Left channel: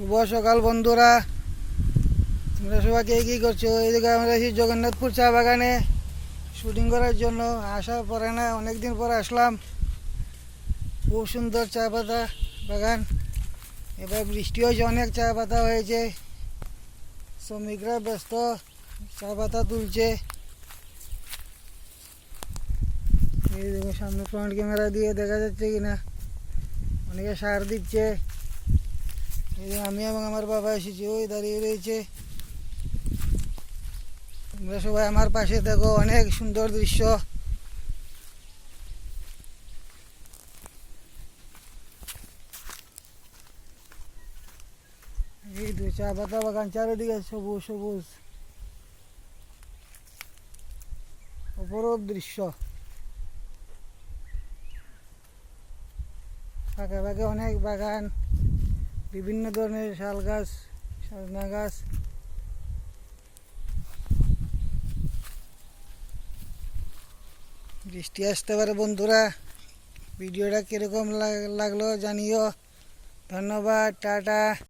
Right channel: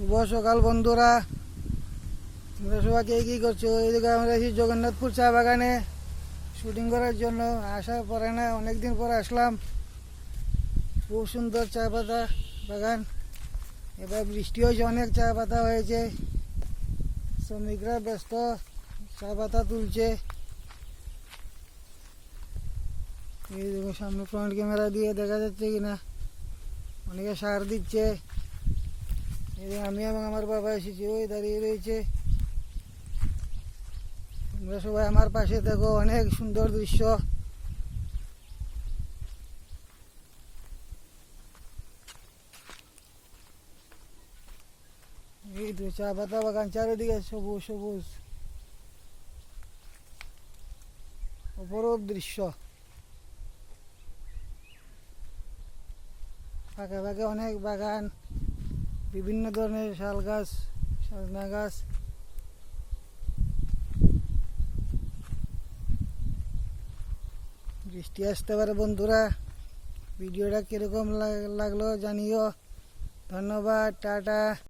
শুভ সকাল বন্ধুরা, তোমরা সবাই কে কী করছো? এইদিকে আমরা এসেছি জগন্নাথপুর চা বাগানে শুটিং করার জন্য। আসা পরে না, অনেকদিন পর আসলাম। খুব সুন্দর চা পাতা বাগান। এবার বৃষ্টি হয়েছে, অনেক চা পাতা হয়েছে। শ্রমিকরা ব্যস্ত, চা পাতা তুলছে। এই দেখো সামনে ফ্রন্ট ক্যামেরা দিয়ে দেখা যাচ্ছে কিনা, অনেকে সার দিচ্ছে। এই আমি এবং আমার বাবা এসেছি, ওই দাঁড়িয়ে রয়েছে। তোমরা সবাই আমার পাশে দেখো, অনেক সুন্দর দৃশ্য। এই তো চা পাতা বাগান, চারিদিকে সবুজ সবুজ অপরূপ দৃশ্য। ফাঁকে ফাঁকে অনেক বাগান, বিভিন্ন ধরনের শাল গাছ, সজনা গাছ। বৃষ্টি আসতে পারে বন্ধুরা। ভিডিওটা কিরকম লাগলো জানিও। ধন্যবাদ, টাটা।